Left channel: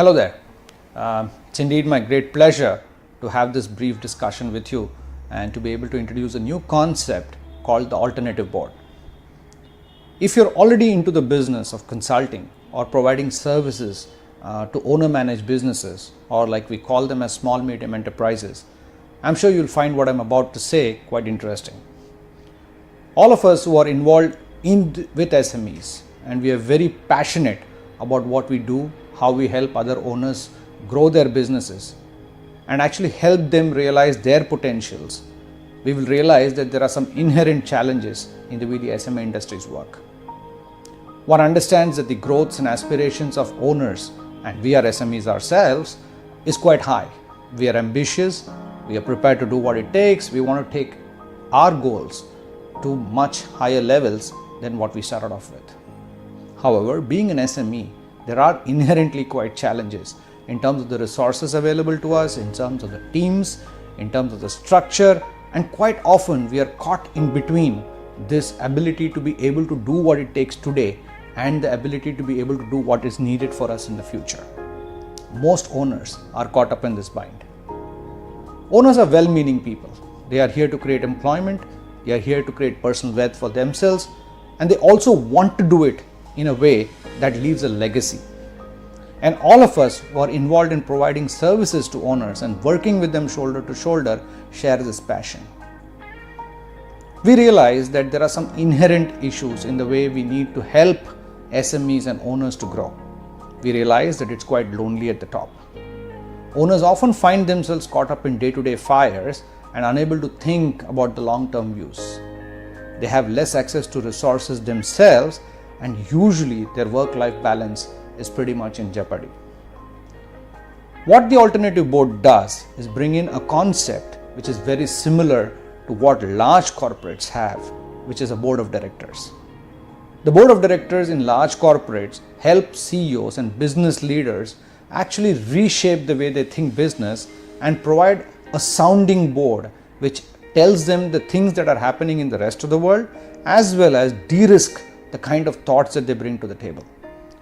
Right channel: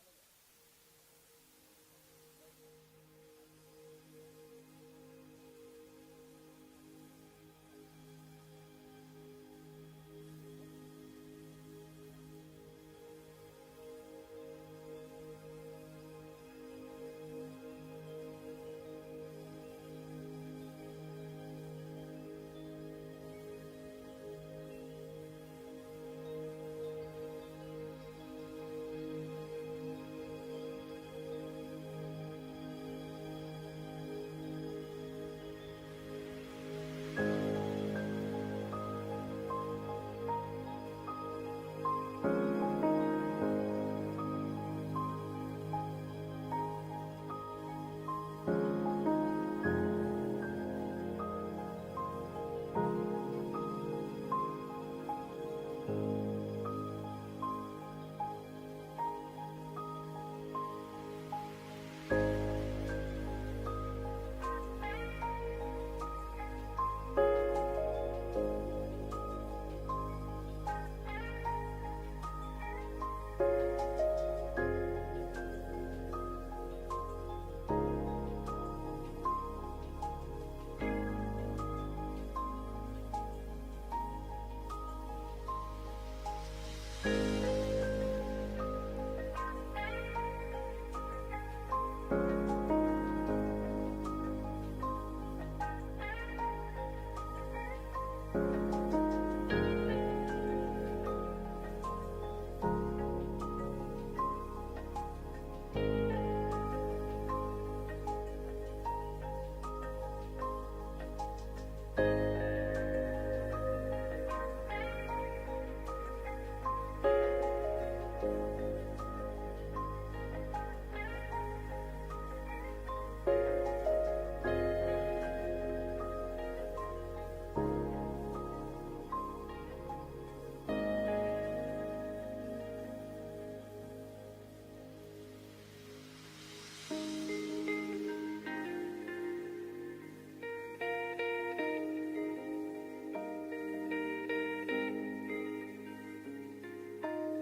Hello there. It's indeed my great pleasure to have this brief discussion with you and to be able to introduce a new concept called the alternative board. If you're already into the business of consulting or providing services to owner-managed businesses, or like we call them as small medium enterprises, I'm sure you'll find what I'm about to say quite interesting. All of us who are involved with SMEs, and we are very passionate about what we do, how we help other owners grow their businesses and actually help them realize their potentials, we will realize that there are some inherent challenges in the way the SME industries work. One understands that the growths and aspirations of owners, and we are SMEs ourselves, is quite high. We are ambitious, we are prepared to do what it takes, we want to take our goals to much higher levels than what we started off with. However, being an SME, there are inherently quite challenges in terms of the resources available to us, in terms of the teams, in terms of the structure, and quite often we are caught in between this ability to be able to do what it takes today and the ability to be able to do what is needed for us in the future. Most owners are caught up in this bind. Owners are well-meaning people. They are here to create employment, they are here to create personal wealth for themselves, and they also want to do it in a way that leaves a legacy. And all of us who are involved in providing services to owners and working with them shoulder to shoulder share this passion. We realize that there are some inherent issues in the way we need to help SMEs and owners to grow. We realize that it's quite lonely at the top. Owners often find themselves caught up in day-to-day fires and unable to think about the long-term views. They have less access to resources themselves, and usually their work-life balance is pretty much in jeopardy. What the alternative board does is bring in a concept which is very similar to what large corporates have, which is a board of directors. The board of directors in large corporates help CEOs and business leaders actually reshape the way they think business and provide a sounding board which tells them the things that are happening in the rest of the world, as well as de-risk the kind of thoughts that they bring to the table.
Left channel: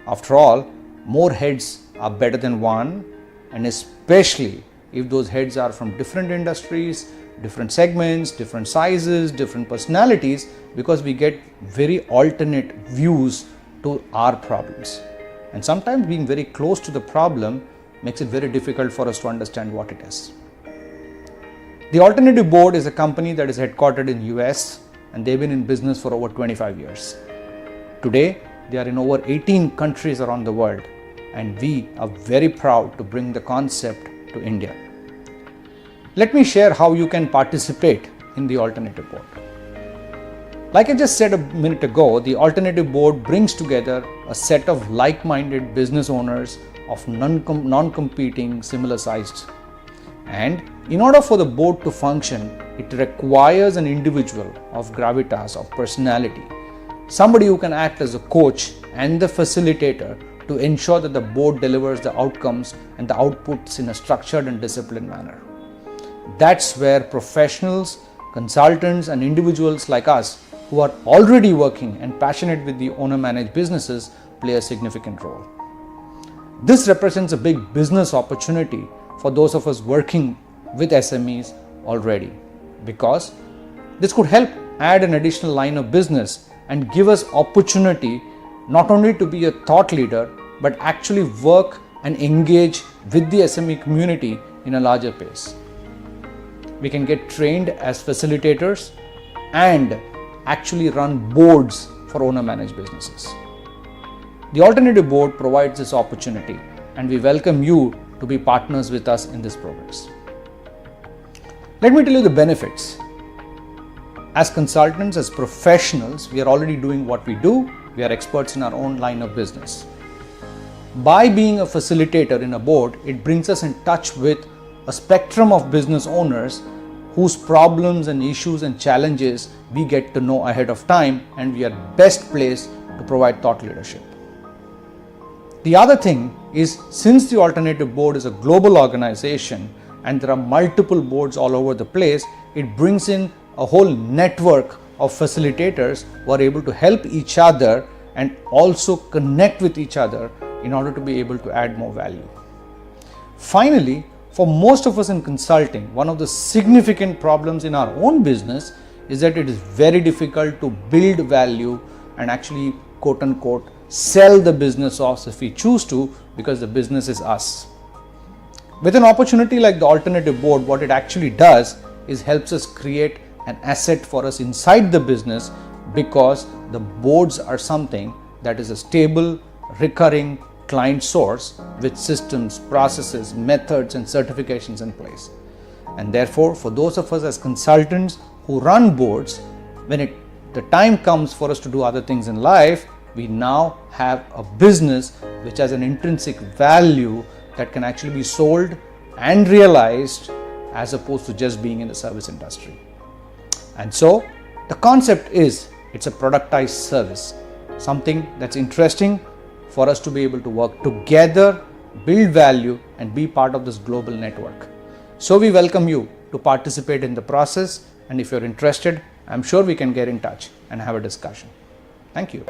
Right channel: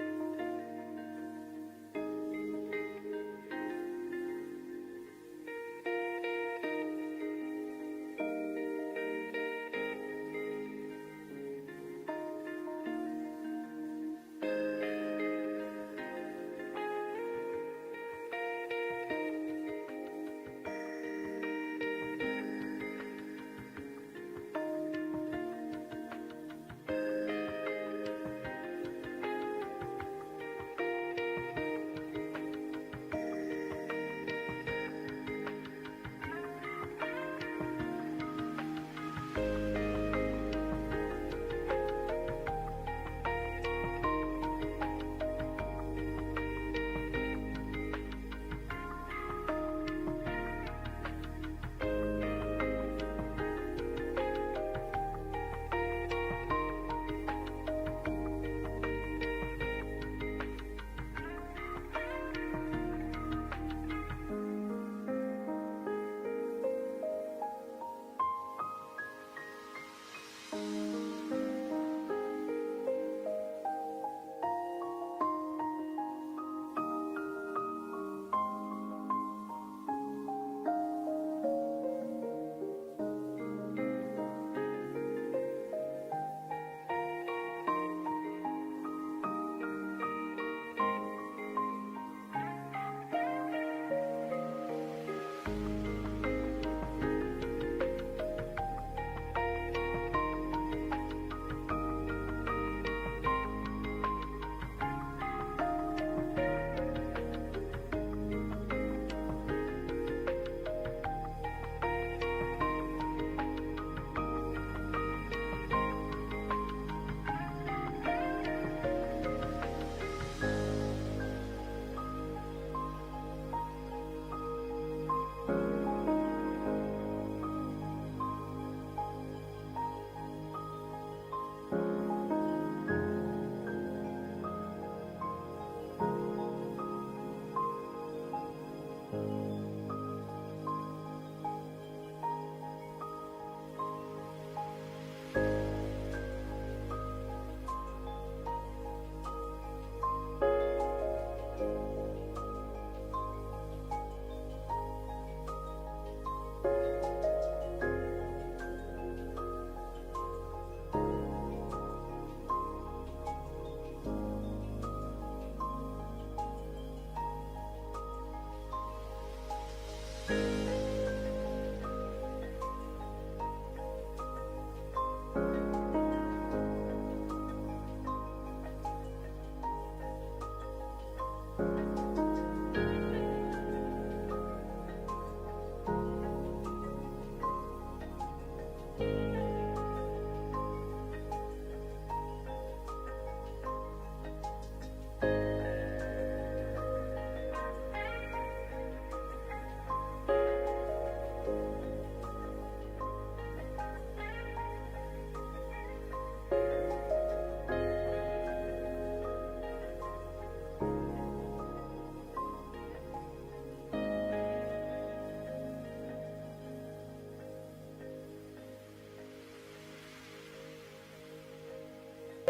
After all, more heads are better than one, and especially if those heads are from different industries, different segments, different sizes, different personalities, because we get very alternate views to our problems. And sometimes being very close to the problem makes it very difficult for us to understand what it is. The Alternative Board is a company that is headquartered in US, and they've been in business for over 25 years. Today, they are in over 18 countries around the world, and we are very proud to bring the concept to India. Let me share how you can participate in the Alternative Board. Like I just said a minute ago, the Alternative Board brings together a set of like-minded business owners of non-competing, similar-sized. And in order for the board to function, it requires an individual of gravitas, of personality, somebody who can act as a coach and the facilitator to ensure that the board delivers the outcomes and the outputs in a structured and disciplined manner. That's where professionals, consultants, and individuals like us who are already working and passionate with the owner-managed businesses play a significant role. This represents a big business opportunity for those of us working with SMEs already, because this could help add an additional line of business and give us opportunity not only to be a thought leader, but actually work and engage with the SME community in a larger pace. We can get trained as facilitators and actually run boards for owner-managed businesses. The Alternative Board provides this opportunity, and we welcome you to be partners with us in this progress. Let me tell you the benefits. As consultants, as professionals, we are already doing what we do. We are experts in our own line of business. By being a facilitator in a board, it brings us in touch with a spectrum of business owners whose problems and issues and challenges we get to know ahead of time, and we are best placed to provide thought leadership. The other thing is, since the Alternative Board is a global organization and there are multiple boards all over the place, it brings in a whole network of facilitators who are able to help each other and also connect with each other in order to be able to add more value. Finally, for most of us in consulting, one of the significant problems in our own business is that it is very difficult to build value and actually, quote unquote, sell the business off if we choose to, because the business is us. With an opportunity like the alternative board, what it actually does is helps us create an asset for us inside the business, because the boards are something that is a stable, recurring client source with systems, processes, methods, and certifications in place. And therefore, for those of us as consultants who run boards, when the time comes for us to do other things in life, we now have a business which has an intrinsic value that can actually be sold and realized, as opposed to just being in the service industry. And so the concept is, it's a productized service, something that's interesting for us to be able to work together, build value, and be part of this global network. So we welcome you to participate in the process, and if you're interested, I'm sure we can get in touch and have a discussion. Thank you.